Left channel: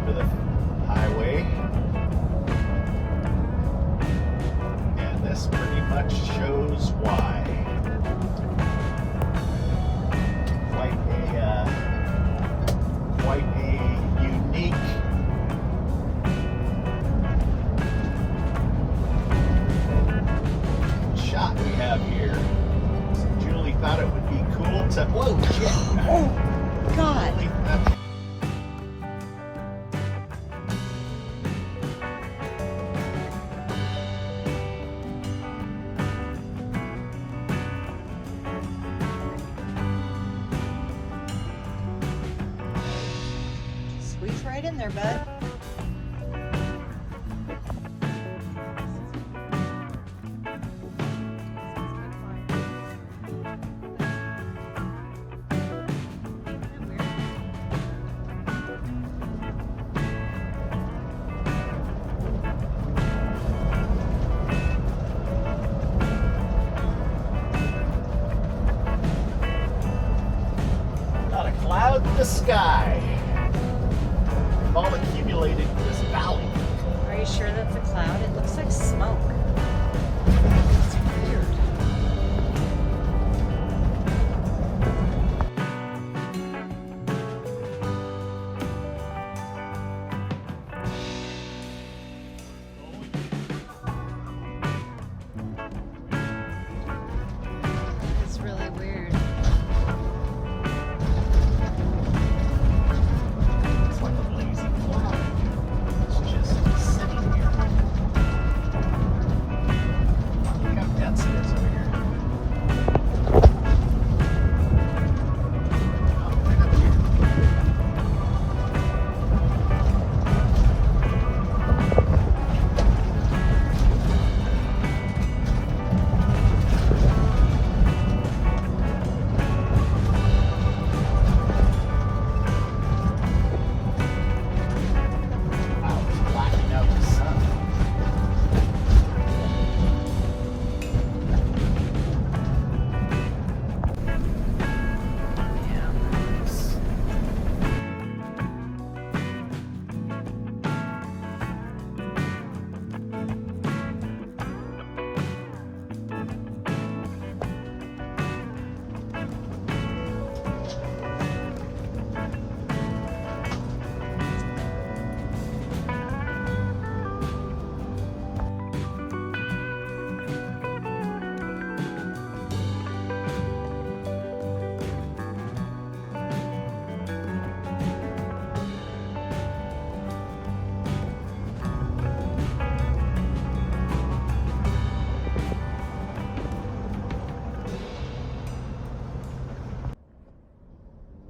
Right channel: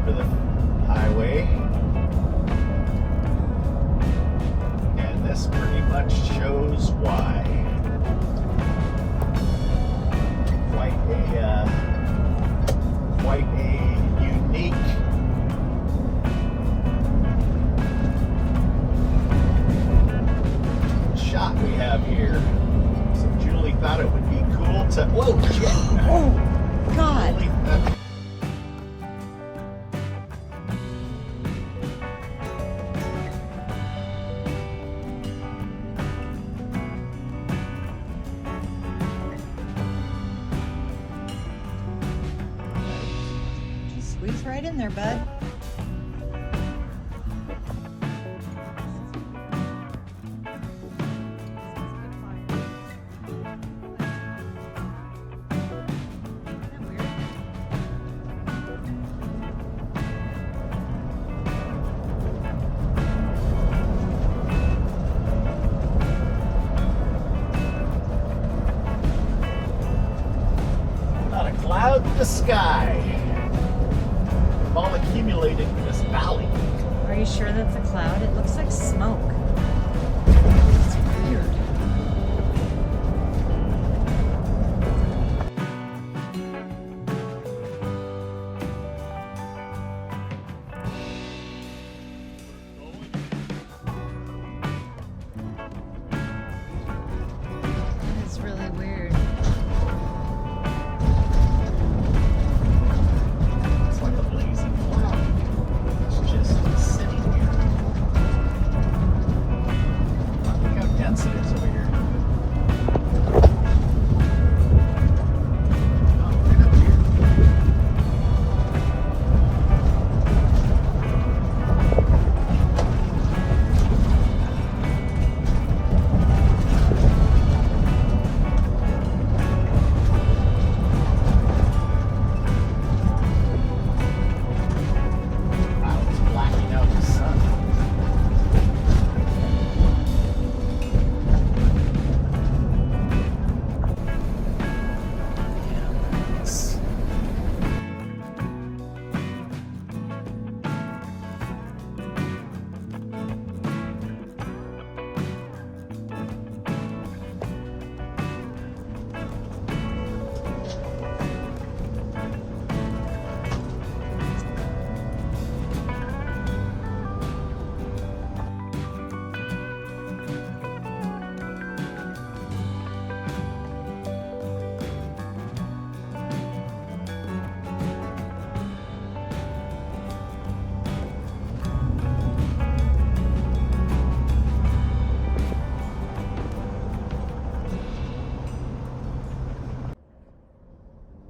over the highway. And this pretty much shows why. Quite a unique shot we have here. So Julie thought it would be cool to. Oh, shit! Oh, God. Squeeze right in there, bud. Not a cloud in the sky. All accumulated in this valley. Are you sure that's a cloud? It looks like smoke. It's weird. That's really weird. That's what the blazing cloud is just sitting here. Look how dense it is over here. Blacking out the sun.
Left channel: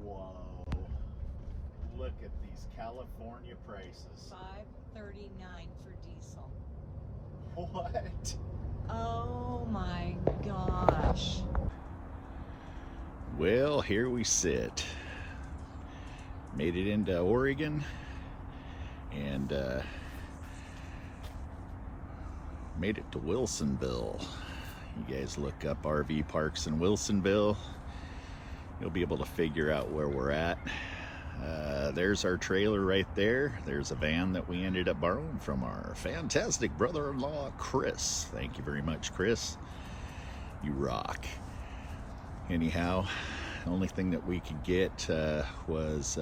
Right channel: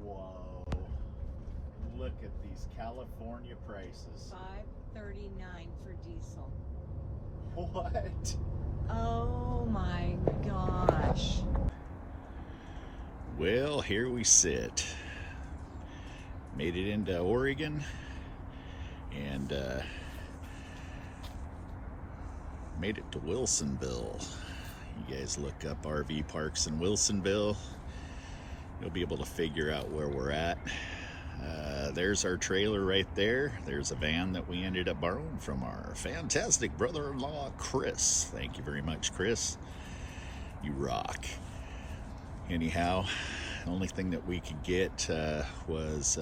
Whoa. Look at these California prices. $5.39 for diesel. What? Oh my gosh. Well, here we sit. Made it into Oregon and made it to Wilsonville. You guys look up RV parks in Wilsonville. You'll be able to figure out where we're at. There's our trailer right there. There's a van that we ended up borrowing from our fantastic brother-in-law, Chris. Thank you very much, Chris. You rock. Anyhow, the only thing that we could get was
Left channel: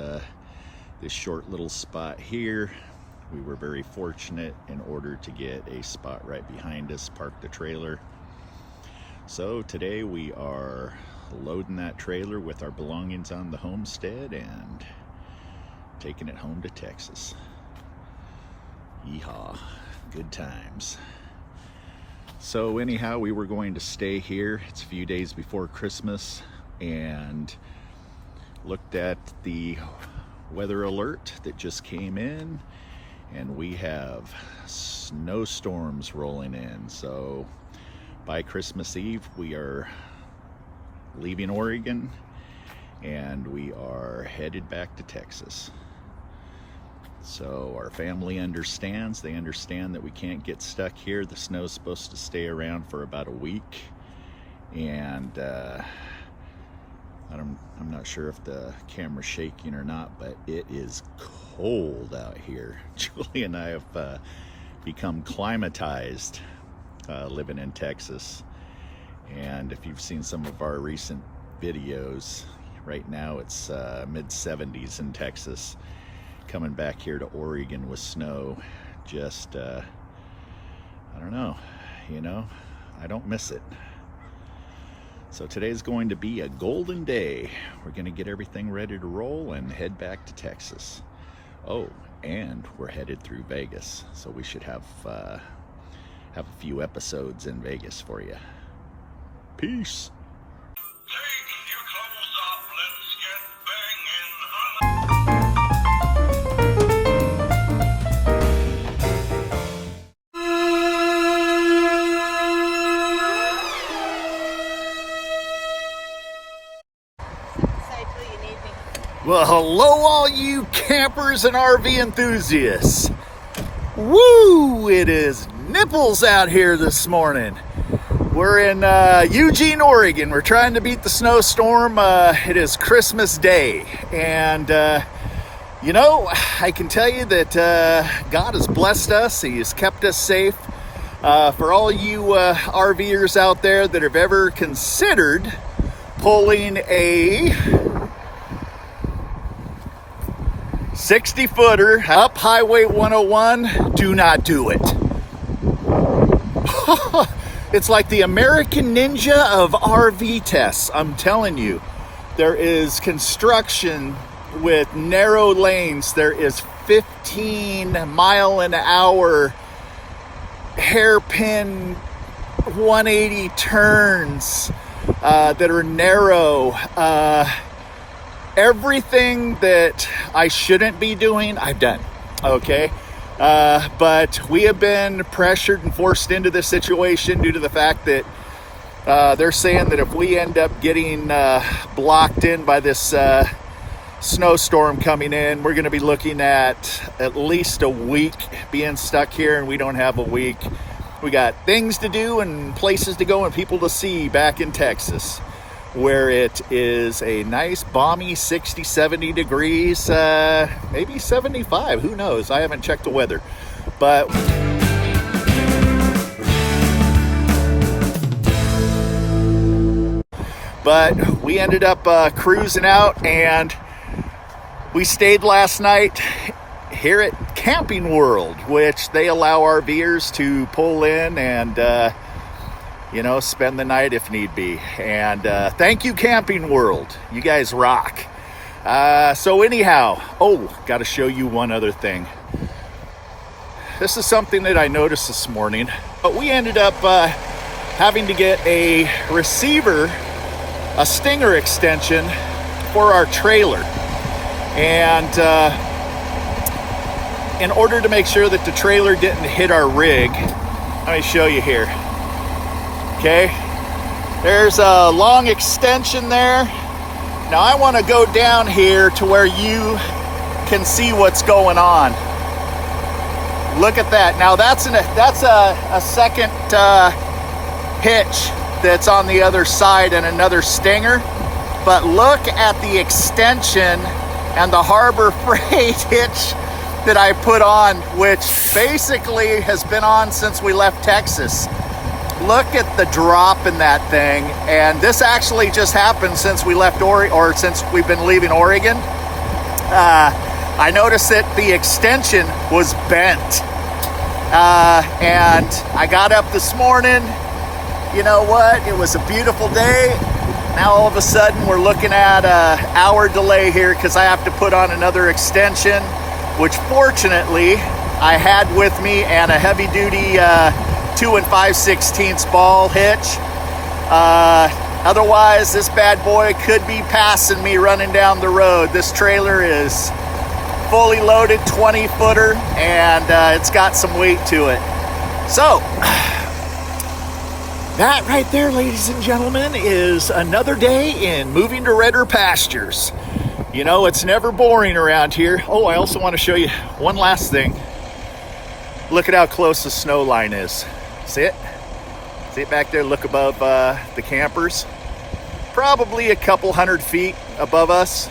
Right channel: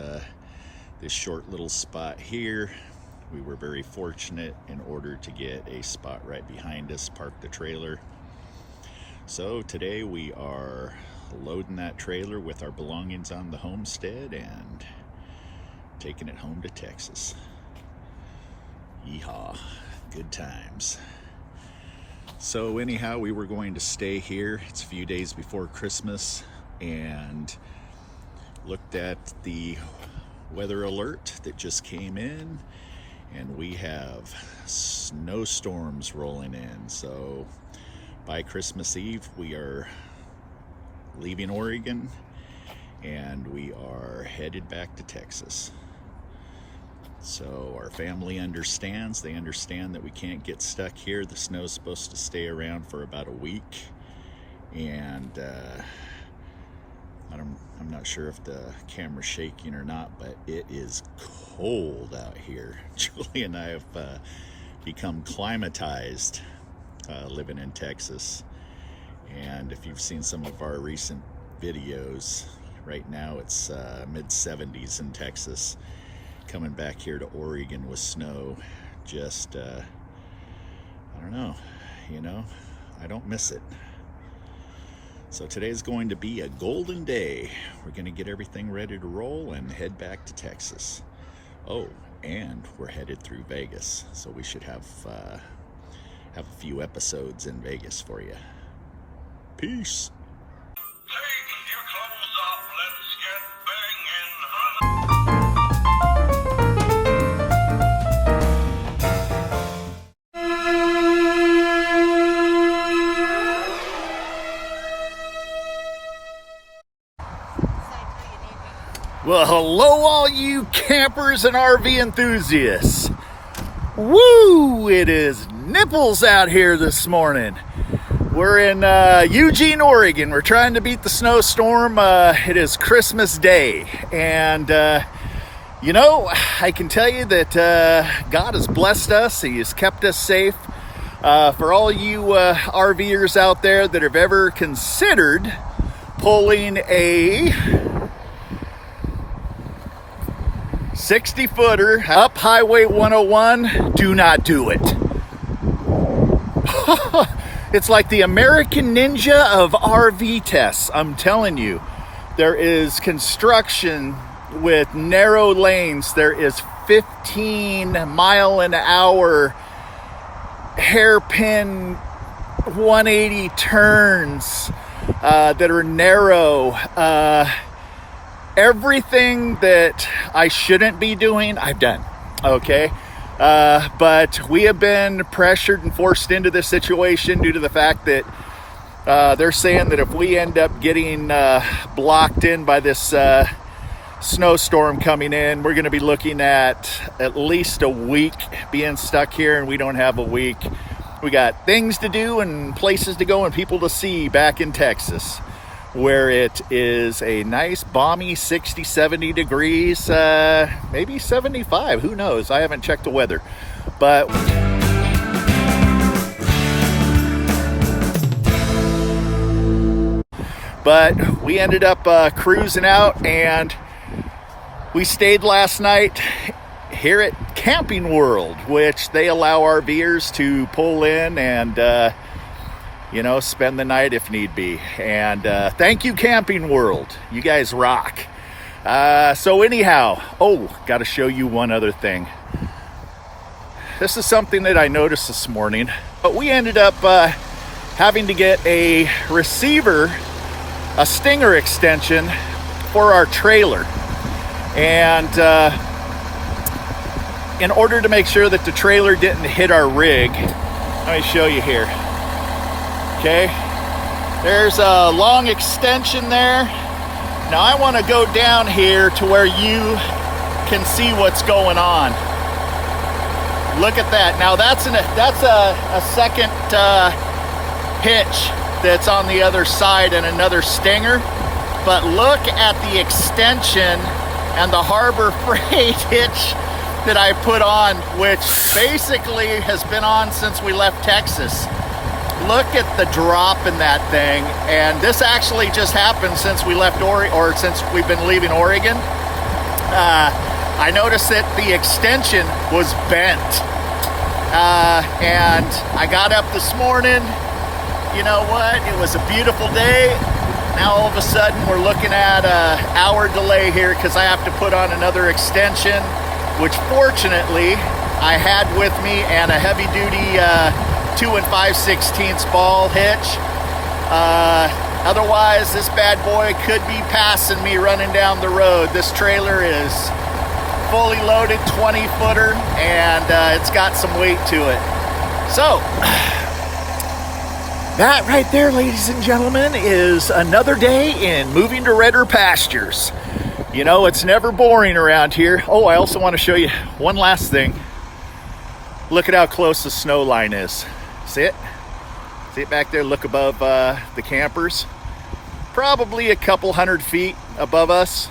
this short little spot here. We were very fortunate in order to get a spot right behind us, park the trailer. So today we are loading that trailer with our belongings on the homestead and taking it home to Texas. Yeehaw, good times. So anyhow, we were going to stay here. It's a few days before Christmas and looked at the weather alert that just came in, and we have snowstorms rolling in. So by Christmas Eve, we are leaving Oregon and we are headed back to Texas. So our family understands. They understand that we can't get stuck here. The snow's supposed to stay around for about a week, and I'm not sure if the camera's shaking or not, but it is cold out here. Julie and I have become climatized living in Texas. And if you've seen some of our recent videos, right now it's mid-70s in Texas. Coming back here to Oregon with snow, just, I don't know, I don't miss it. So today's going to be a golden day. We're going to get everything ready to roll and head back to Texas. Oh, and we're headed through Vegas, so we should have a few episodes in Vegas for you. Peace. Well, hello all you campers and RV enthusiasts. Woo! It is nipples out here this morning. We're in Eugene, Oregon. We're trying to beat the snowstorm. It is Christmas Day. And, I can tell you that God has blessed us. He has kept us safe. For all you RVers out there that have ever considered pulling a 60-footer up Highway 101, do not do it. It's like the American Ninja of RV tests. I'm telling you, there is construction with narrow lanes. There is 15-mile-an-hour hairpin 180 turns that are narrow. Everything that I shouldn't be doing, I've done, okay? But we have been pressured and forced into this situation due to the fact that they're saying that if we end up getting blocked in by this snowstorm coming in, we're going to be looking at least a week being stuck here, and we don't have a week. We got things to do and places to go and people to see back in Texas, where it is a nice balmy 60, 70 degrees, maybe 75, who knows? I haven't checked the weather. But we ended up cruising out, and we stayed last night here at Camping World, which they allow RVers to pull in and spend the night if need be. And thank you, Camping World. You guys rock. So anyhow, got to show you one other thing. This is something that I noticed this morning. But we ended up having to get a receiver, a stinger extension for our trailer. And in order to make sure that the trailer didn't hit our rig, let me show you here. Okay, there's a long extension there. Now I want to go down here to where you can see what's going on. Look at that. Now that's a second hitch that's on the other side and another stinger. But look at the extension and the Harbor Freight hitch that I put on, which basically has been on since we left Texas. Look at the drop in that thing. And this actually just happened since we left since we've been leaving Oregon. I noticed that the extension was bent. And I got up this morning. You know what? It was a beautiful day. Now all of a sudden we're looking at an hour delay here because I have to put on another extension, which fortunately I had with me, and a heavy duty 2 5/16 ball hitch. Otherwise, this bad boy could be passing me running down the road. This trailer is fully loaded 20-footer, and it's got some weight to it. So, that right there, ladies and gentlemen, is another day in moving to redder pastures. It's never boring around here. I also want to show you one last thing. Look at how close the snow line is. See it? See it back there? Look above the campers. Probably a couple 100 feet above us.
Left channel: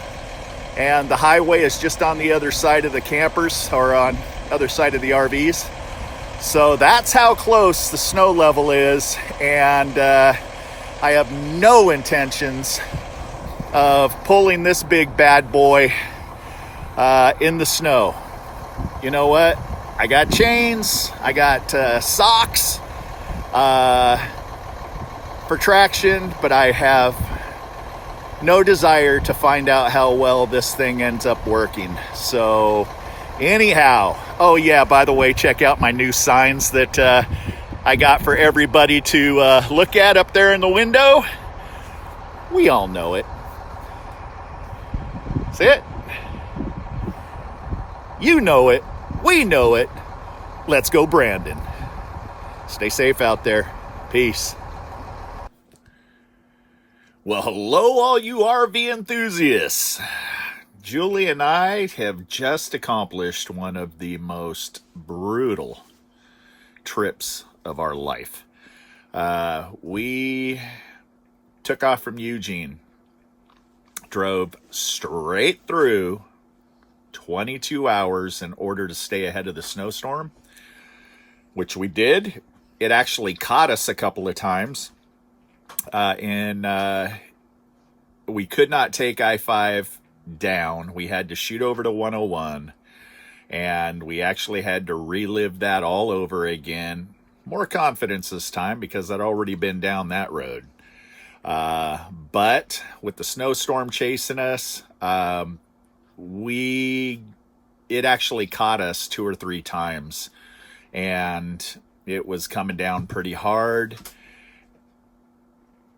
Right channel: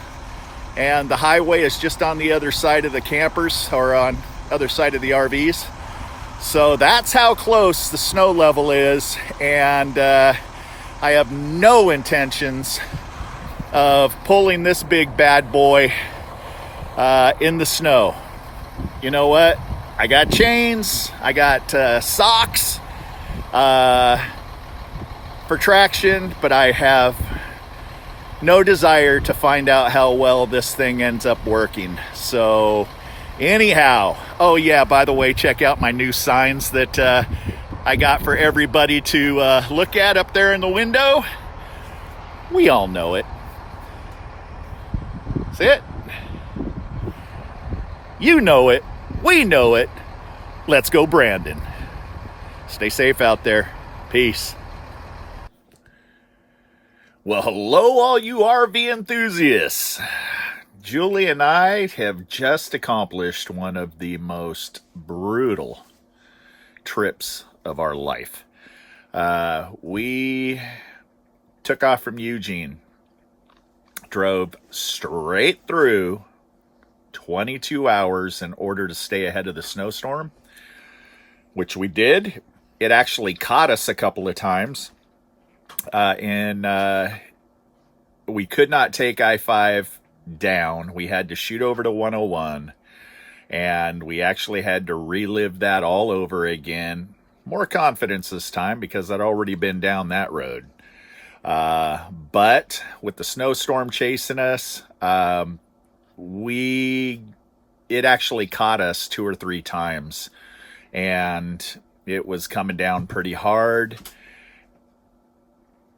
and the highway is just on the other side of the campers, or on other side of the RVs. So that's how close the snow level is, and I have no intentions of pulling this big bad boy in the snow. You know what? I got chains, I got socks for traction, but I have no desire to find out how well this thing ends up working. So anyhow, oh yeah, by the way, check out my new signs that I got for everybody to look at up there in the window. We all know it. See it? You know it. We know it. Let's go, Brandon. Stay safe out there. Peace. Well, hello, all you RV enthusiasts. Julie and I have just accomplished one of the most brutal trips of our life. We took off from Eugene, drove straight through 22 hours in order to stay ahead of the snowstorm, which we did. It actually caught us a couple of times, and we could not take I-5 down. We had to shoot over to 101, and we actually had to relive that all over again. More confidence this time because I'd already been down that road. But with the snowstorm chasing us, it actually caught us 2 or 3 times, and it was coming down pretty hard.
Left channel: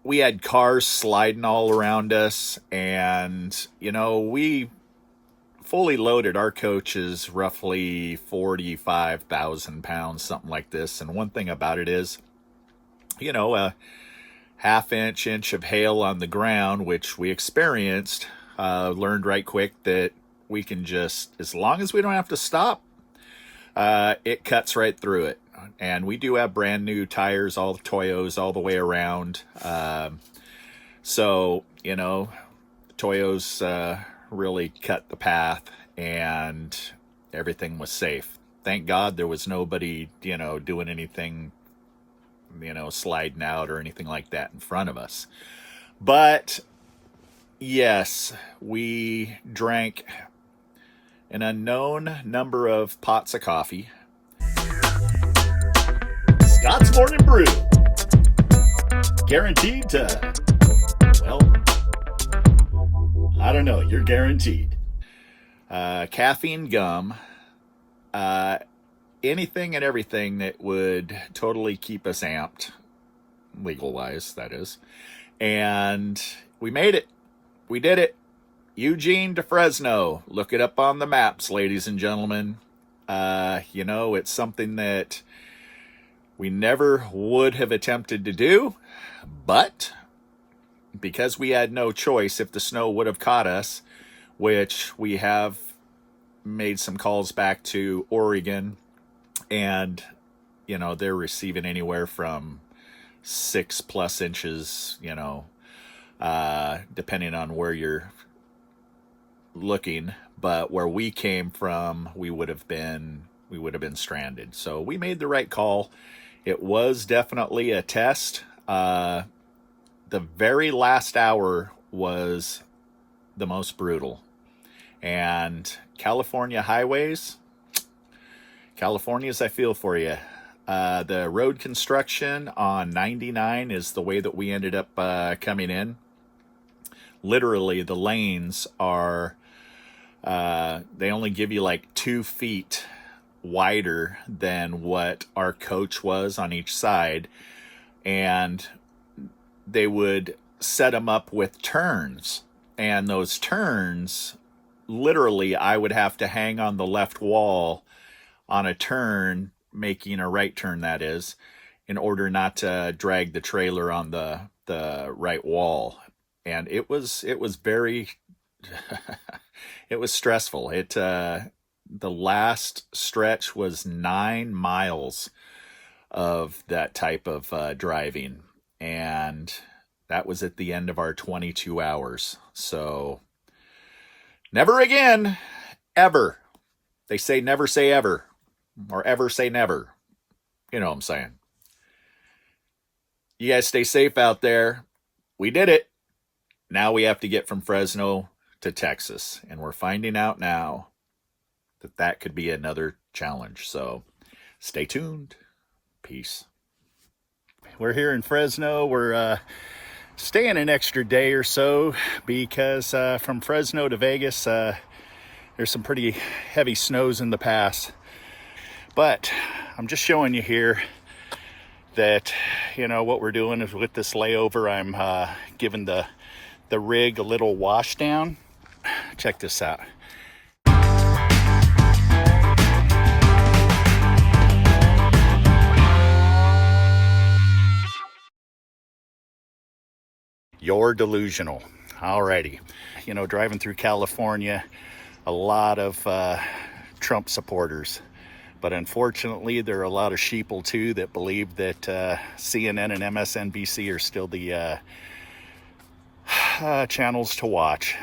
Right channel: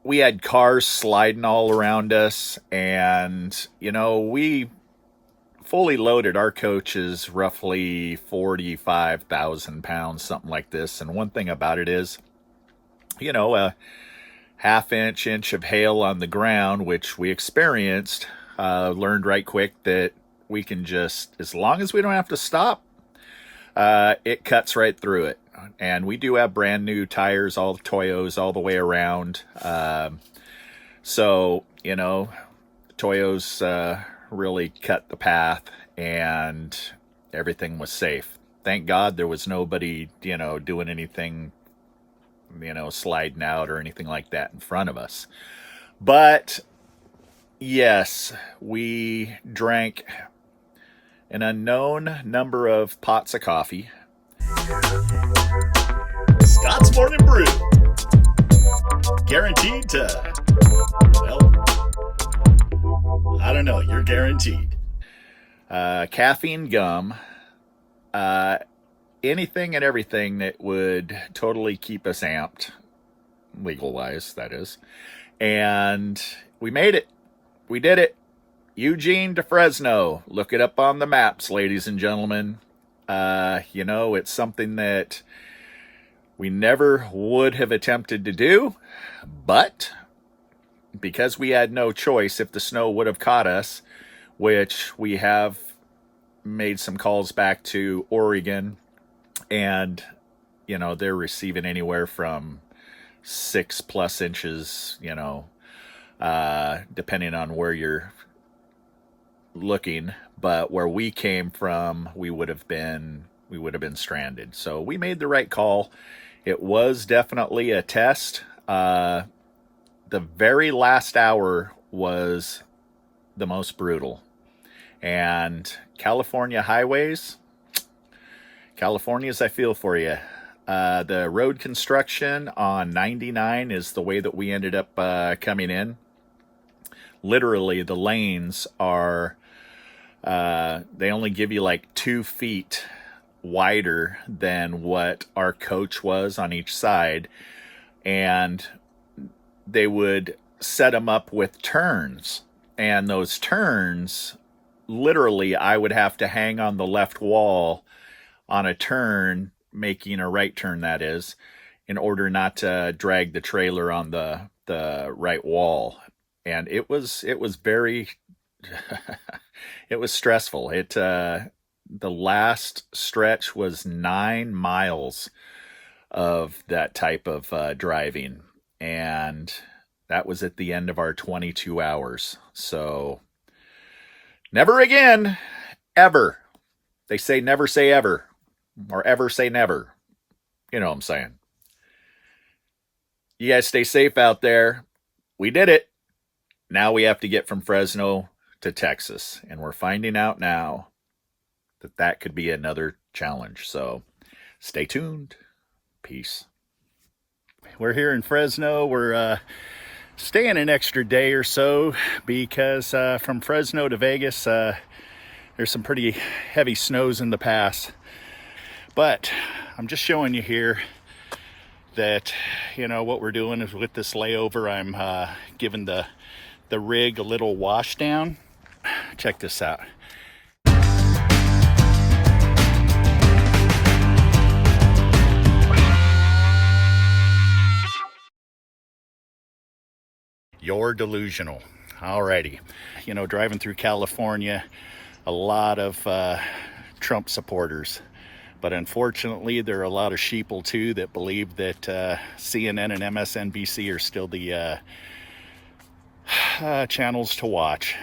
We had cars sliding all around us, and, you know, we fully loaded. Our coach is roughly 45,000 pounds, something like this. And one thing about it is, you know, a half-inch of hail on the ground, which we experienced, learned right quick that we can just, as long as we don't have to stop, it cuts right through it. And we do have brand new tires, all the Toyos, all the way around. So, you know, Toyos really cut the path, and everything was safe. Thank God there was nobody, you know, doing anything, you know, sliding out or anything like that in front of us. But yes, we drank an unknown number of pots of coffee. Scott's Morning Brew. Guaranteed to, well, I don't know, you're guaranteed. Caffeine gum, anything and everything that would totally keep us amped, legal-wise, that is. And we made it. We did it. Eugene to Fresno. Look it up on the maps, ladies and gentlemen. You know, it's something that we never would have attempted to do, but because we had no choice, if the snow would have caught us, which we have made some calls back to Oregon, and, you know, they're receiving anywhere from 6+ inches, you know, depending on where you're looking. But where we came from, we would have been stranded. So we made the right call. It was definitely a test. The very last hour was the most brutal. And California highways, Californians, I feel for you. The road construction on 99 is the way that we ended up coming in. Literally, the lanes are, they only give you like 2 feet wider than what our coach was on each side, and they would set them up with turns, and those turns, literally, I would have to hang on the left wall on a turn, making a right turn, that is, in order not to drag the trailer on the right wall. And it was very it was stressful. The last stretch was 9 miles of that type of driving, and that was at the end of our 22 hours. So Never again, ever. They say never say ever, or ever say never. You know what I'm saying. You guys stay safe out there. We did it. Now we have to get from Fresno to Texas, and we're finding out now that that could be another challenge. So stay tuned. Peace. We're here in Fresno. We're staying an extra day or so because from Fresno to Vegas, there's some pretty heavy snows in the pass. But I'm just showing you here that, you know, what we're doing is with this layover, I'm giving the rig a little wash down. Check this out. You're delusional. Alrighty. You know, driving through California, a lot of Trump supporters. But unfortunately, there are a lot of sheeple too that believe that CNN and MSNBC are still the channels to watch.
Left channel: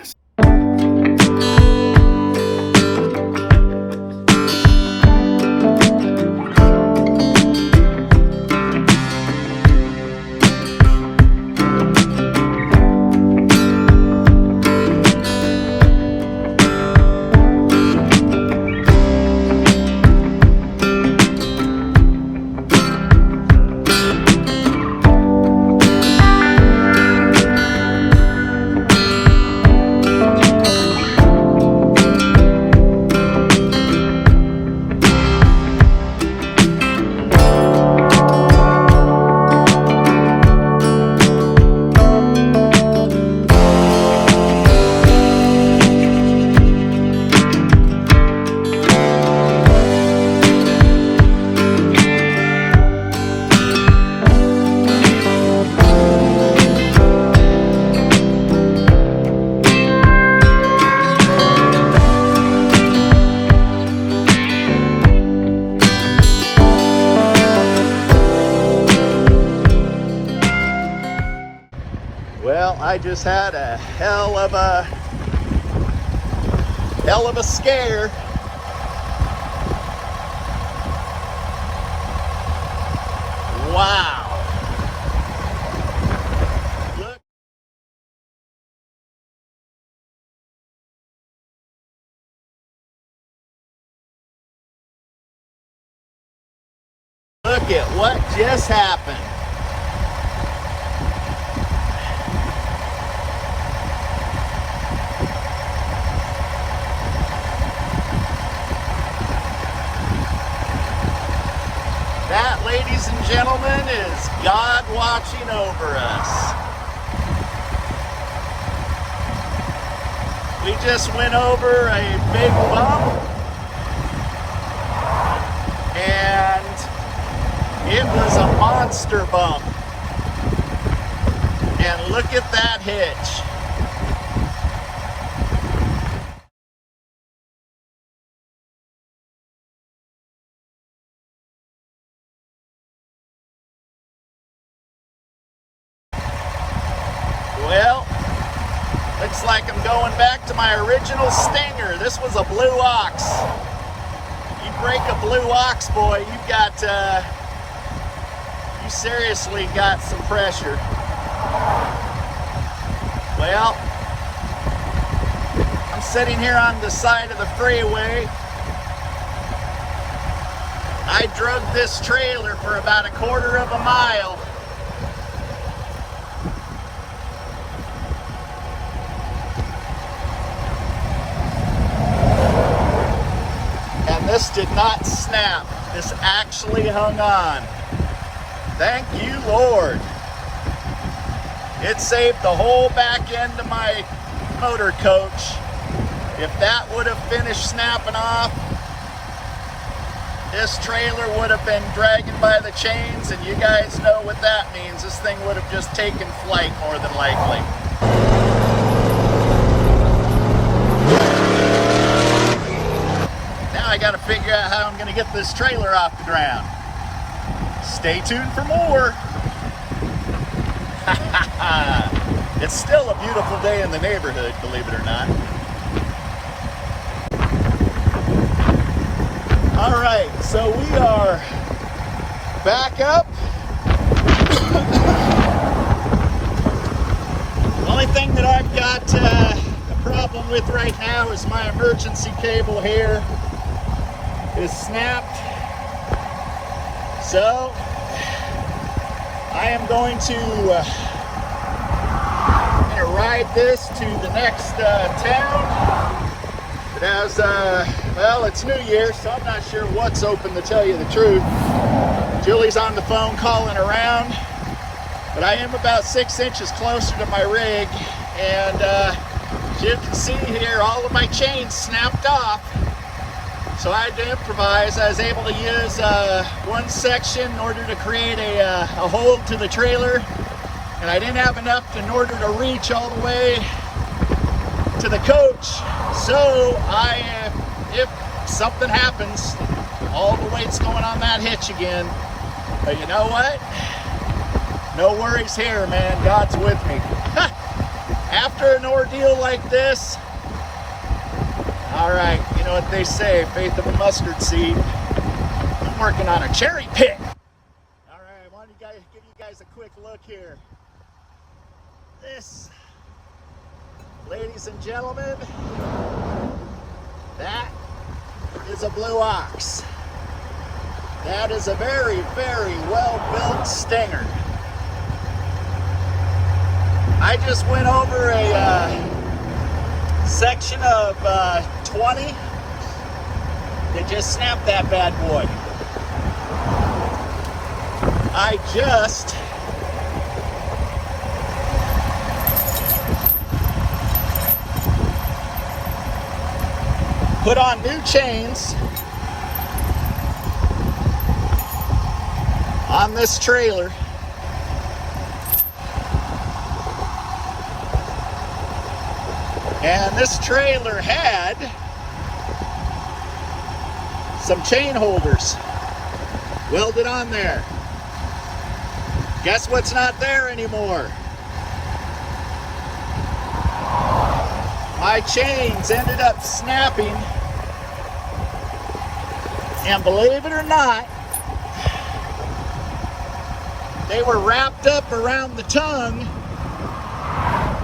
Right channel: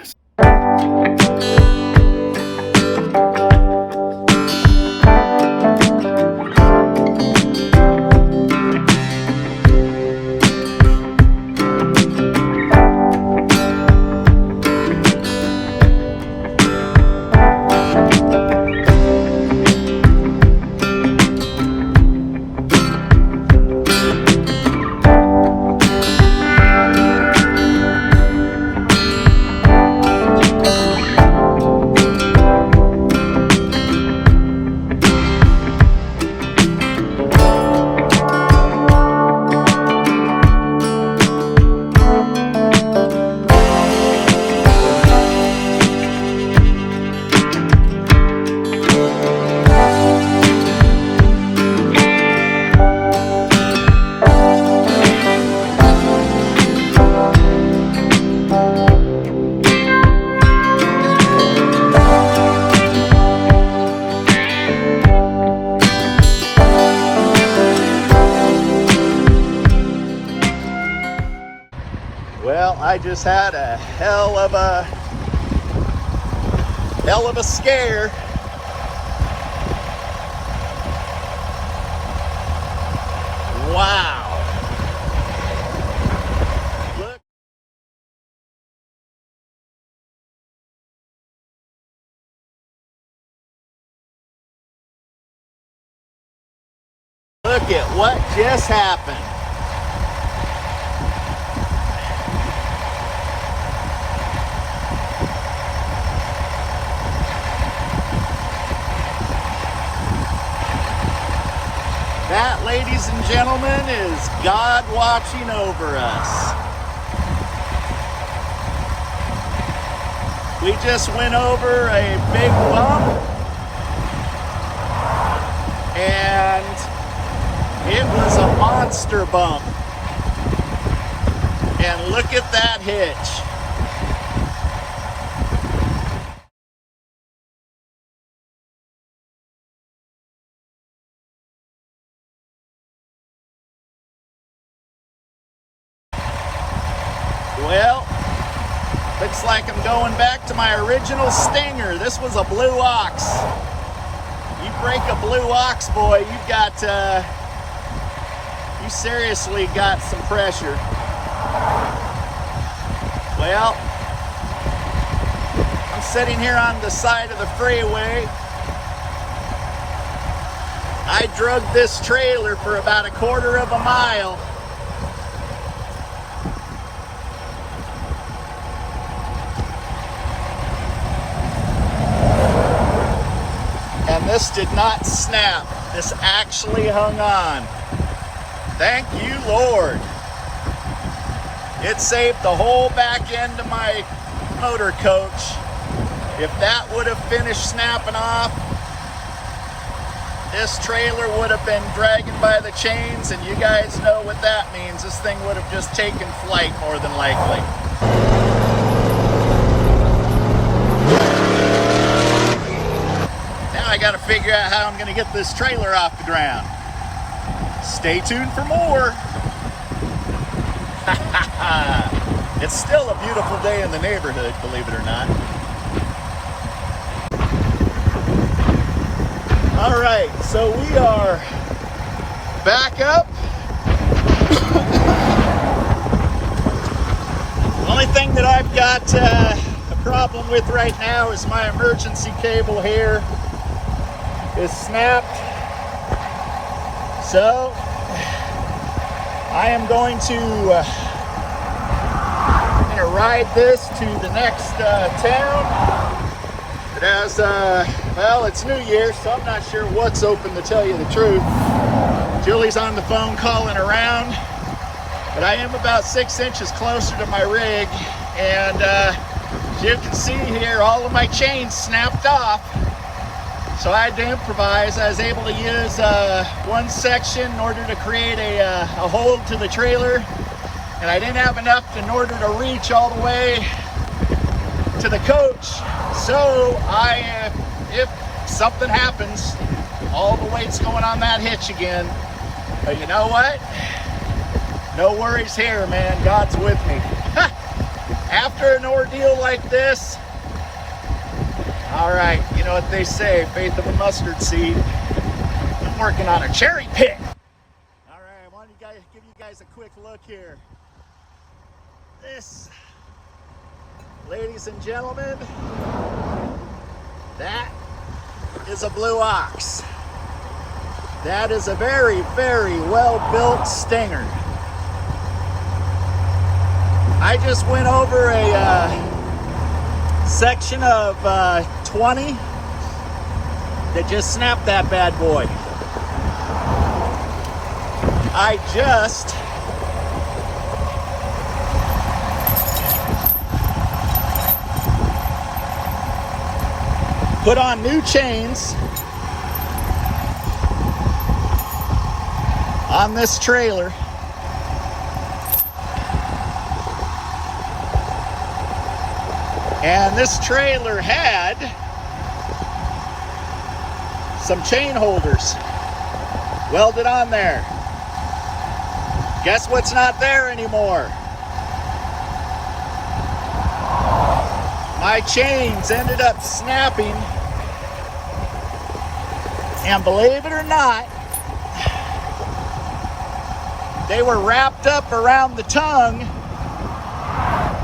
Well, I just had a hell of a scare. Wow. Look at what just happened. That, ladies and gentlemen, is God watching over us. We just went over a big bump, and it was a monster bump. And look at that hitch. Well, looks like I'm going back to my original stinger. This was a blue ox. You break a blue ox, boy, you've got, you seriously got some pressure. Well, I'm sitting here on the side of the freeway. I drug this trailer for about a quarter of a mile. This did not snap. This actually hung on. Thank you, Lord. It saved the whole back end of my motor coach. If that would have finished snapping off, this trailer would have been dragging by the chains, and you guys know what that means. This thing would have just taken flight more than likely. I got to figure out how I'm going to get this trailer off the ground. Stay tuned for more. It's still a beautiful day in the neighborhood, believe it or not. All right, so we are back up. The only thing that I've got a problem with right now is my emergency cable here is snapped. So I am going to ride this to the next town. It has, well, it's New Year, so I'm not sure what's open, to tell you the truth. Julie's on the phone calling around, but I am about 6 inches closer to my rig, and as you can see here, all of my chains snapped off, so I had to improvise. I was able to use one section in order to create a hold to the trailer, and I didn't have enough in order to reach all the way to the coach. So if something happens, all the weight's going on that hitch again. But you know what? No worries here, man. God's with me. After an ordeal like this, all right, you know what they say, faith of a mustard seed. I'm working on a cherry pick. All right, I wanted to give you guys a quick look here. This, ladies and gentlemen, that is a blue ox. That is a very, very well-built stinger. I just went over a section of 20 that just snapped that bad boy. I just put on new chains on this trailer. And this trailer had some chain holders welded on there. Guess what's not there anymore? My chains ended up snapping, and believe it or not, they were wrapped up around the tongue.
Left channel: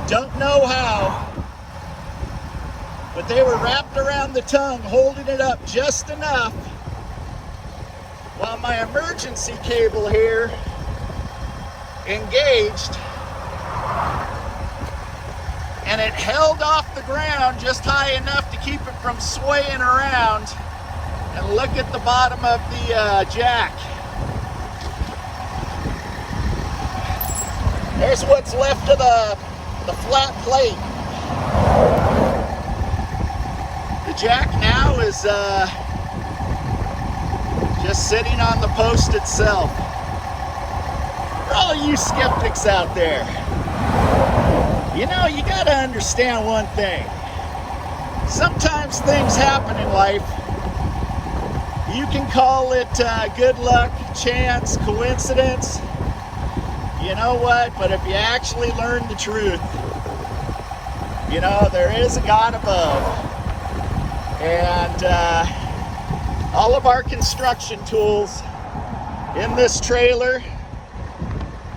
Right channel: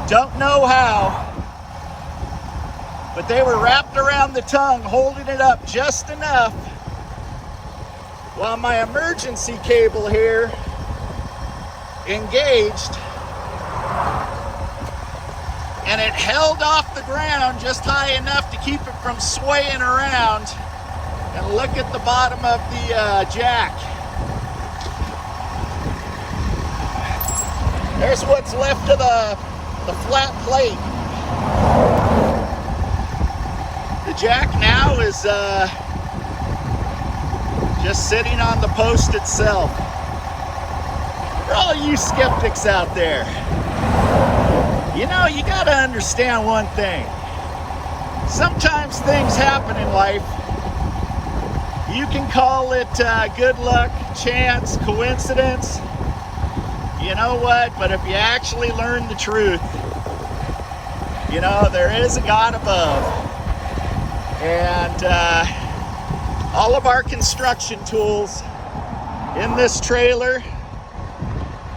Don't know how, but they were wrapped around the tongue, holding it up just enough while my emergency cable here engaged, and it held off the ground just high enough to keep it from swaying around. And look at the bottom of the jack. There's what's left of the flat plate. The jack now is just sitting on the post itself. For all you skeptics out there, you know, you gotta understand one thing. Sometimes things happen in life. You can call it good luck, chance, coincidence. You know what? But if you actually learn the truth, you know, there is a God above. And all of our construction tools in this trailer,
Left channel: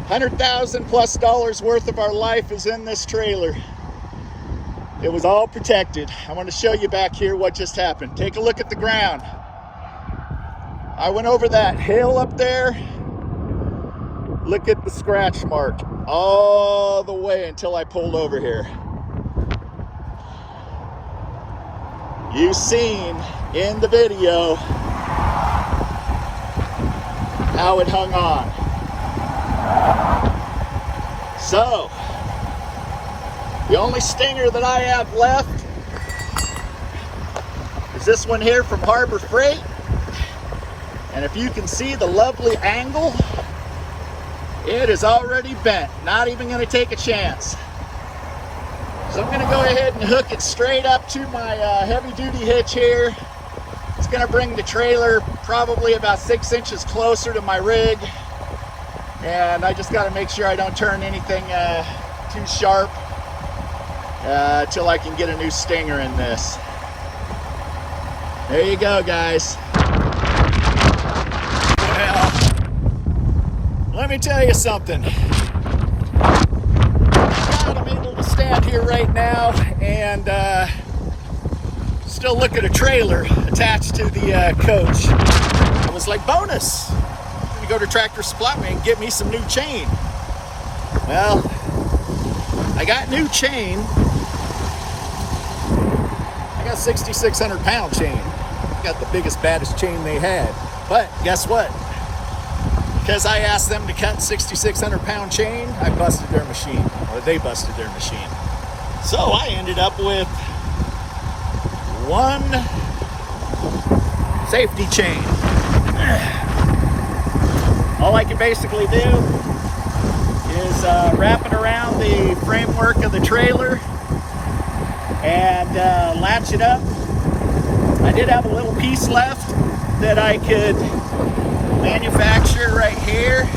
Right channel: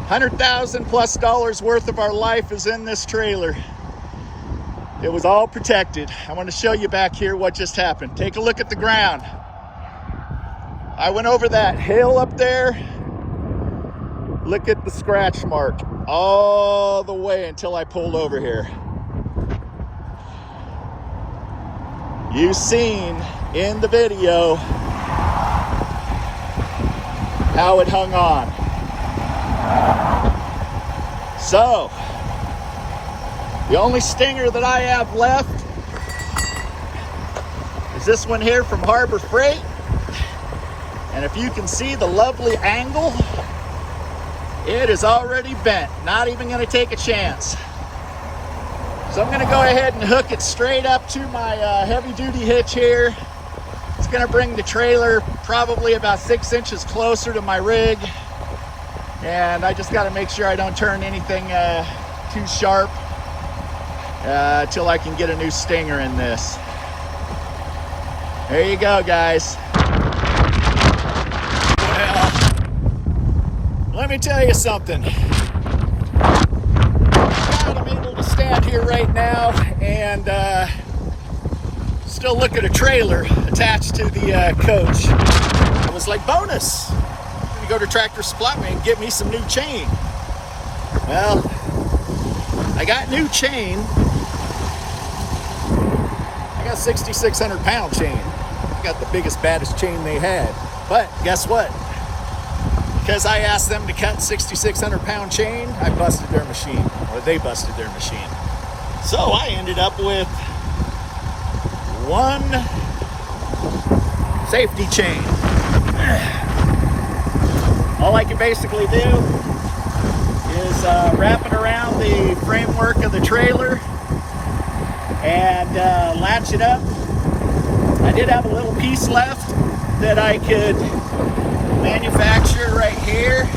$100,000 plus worth of our life is in this trailer. It was all protected. I want to show you back here what just happened. Take a look at the ground. I went over that hill up there. Look at the scratch mark all the way until I pulled over here. You've seen in the video how it hung on. So, the only stinger that I have left is this one here from Harbor Freight. And if you can see the lovely angle, it is already bent. Not even going to take a chance. So I'm going to go ahead and hook it straight up to my heavy-duty hitch here. It's going to bring the trailer probably about 6 inches closer to my rig. And I just got to make sure I don't turn anything too sharp till I can get a new stinger in this. There you go, guys. Well, let me tell you something. Thank God I'm able to stand here right now and still look at a trailer attached to the coach. It was like bonus. I'm gonna go to Tractor Supply and get me some new chain. Well, I got new chain. I got 6,600 pound chain. I got the biggest, baddest chain they had. But guess what? Because I asked them to cut 6,600 pound chain, I busted their machine, or they busted their machine. So I ended up with one safety chain. All I can basically do is wrap it around the framework of the trailer and latch it up. I did have a little piece left that I could manufacture right here,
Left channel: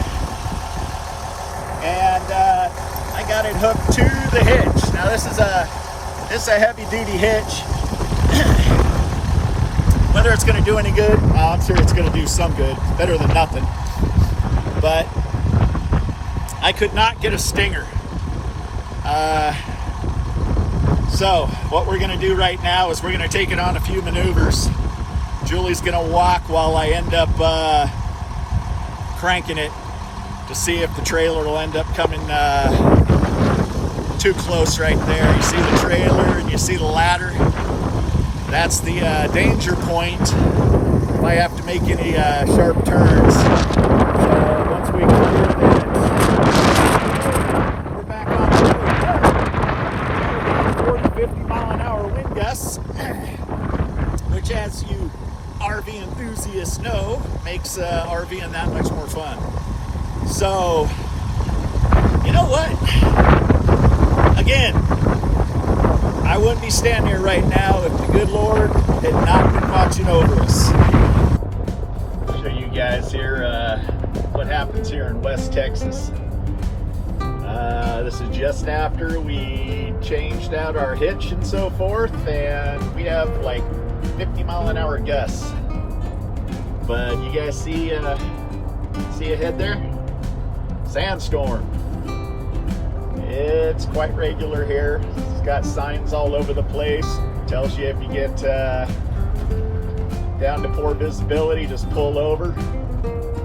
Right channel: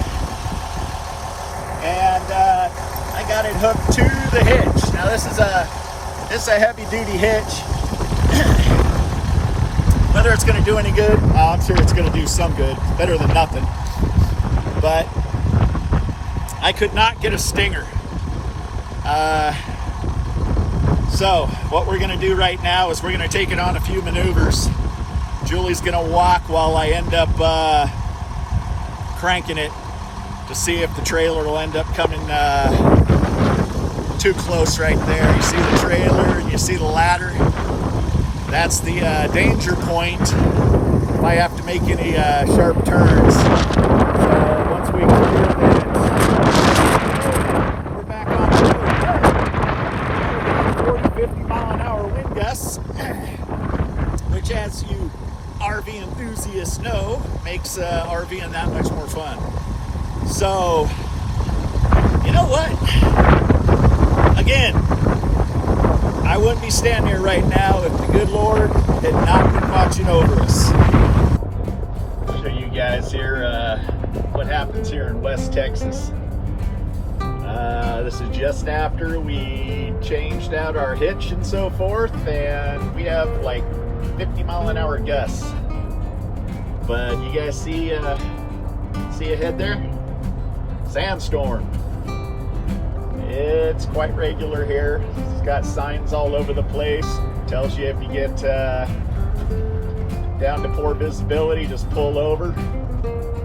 and I got it hooked to the hitch. Now this is a heavy duty hitch. Whether it's going to do any good, well, I'm sure it's going to do some good. Better than nothing. But I could not get a stinger. So what we're going to do right now is we're going to take it on a few maneuvers. Julie's going to walk while I end up cranking it to see if the trailer will end up coming too close right there. You see the trailer and you see the ladder. That's the danger point if I have to make any sharp turns. So once we clear that, we're back on the road. We got 40, 50 mile an hour wind gusts, which, as you RV enthusiasts know, makes RVing that much more fun. So, you know what? Again, I wouldn't be standing here right now if the good Lord had not been watching over us. I'll show you guys here what happens here in West Texas. This is just after we changed out our hitch and so forth, and we have like 50 mile an hour gusts. But you guys see ahead there? Sandstorm. It's quite regular here. It's got signs all over the place. Tells you if you get down to poor visibility, just pull over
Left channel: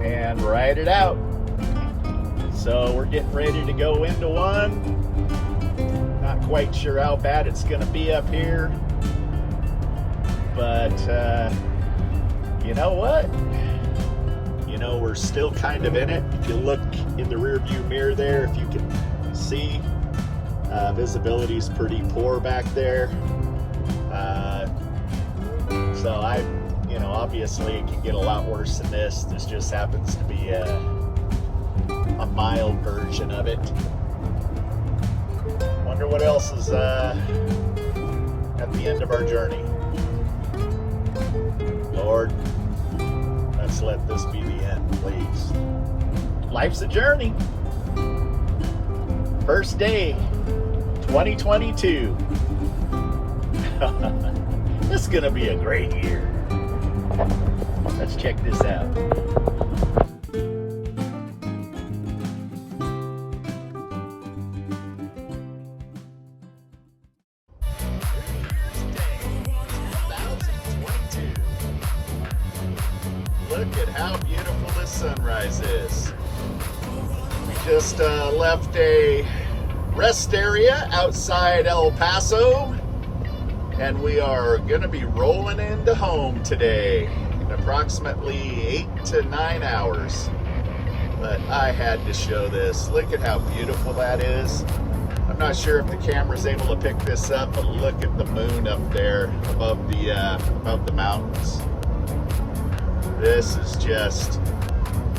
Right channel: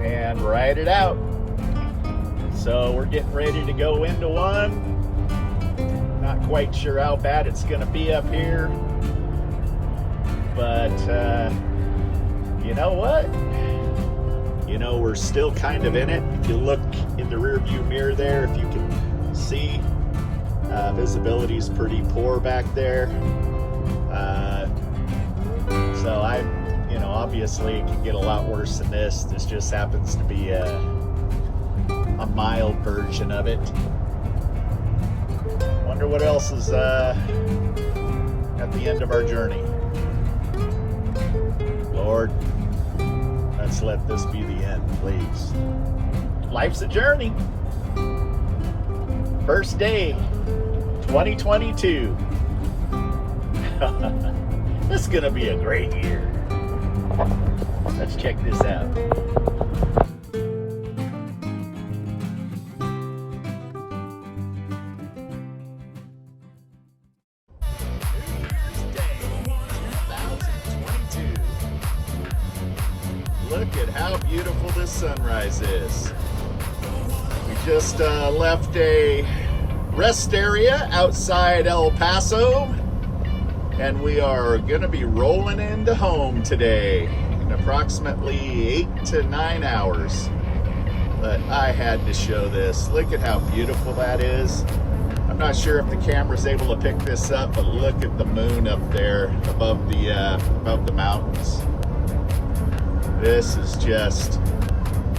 and ride it out. So we're getting ready to go into one. Not quite sure how bad it's going to be up here. But you know what? You know, we're still kind of in it. If you look in the rear view mirror there, if you can see, visibility is pretty poor back there. So obviously it can get a lot worse than this. This just happens to be a mild version of it. Wonder what else is at the end of our journey. Lord, let's let this be the end, please. Life's a journey. First day, 2022. This is gonna be a great year. Let's check this out. How beautiful this sunrise is. We just left a rest area outside El Paso, and we are gonna be rolling into home today in approximately 8 to 9 hours. But I had to show this. Look at how beautiful that is. I'm not sure if the camera's able to pick this up, but look at the moon up there above the mountains. This is just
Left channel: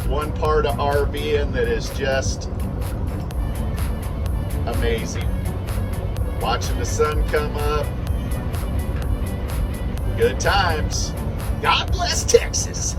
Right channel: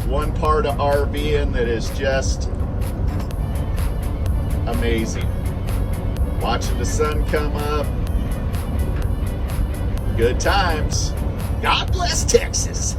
one part of RVing that is just amazing. Watching the sun come up. Good times. God bless Texas.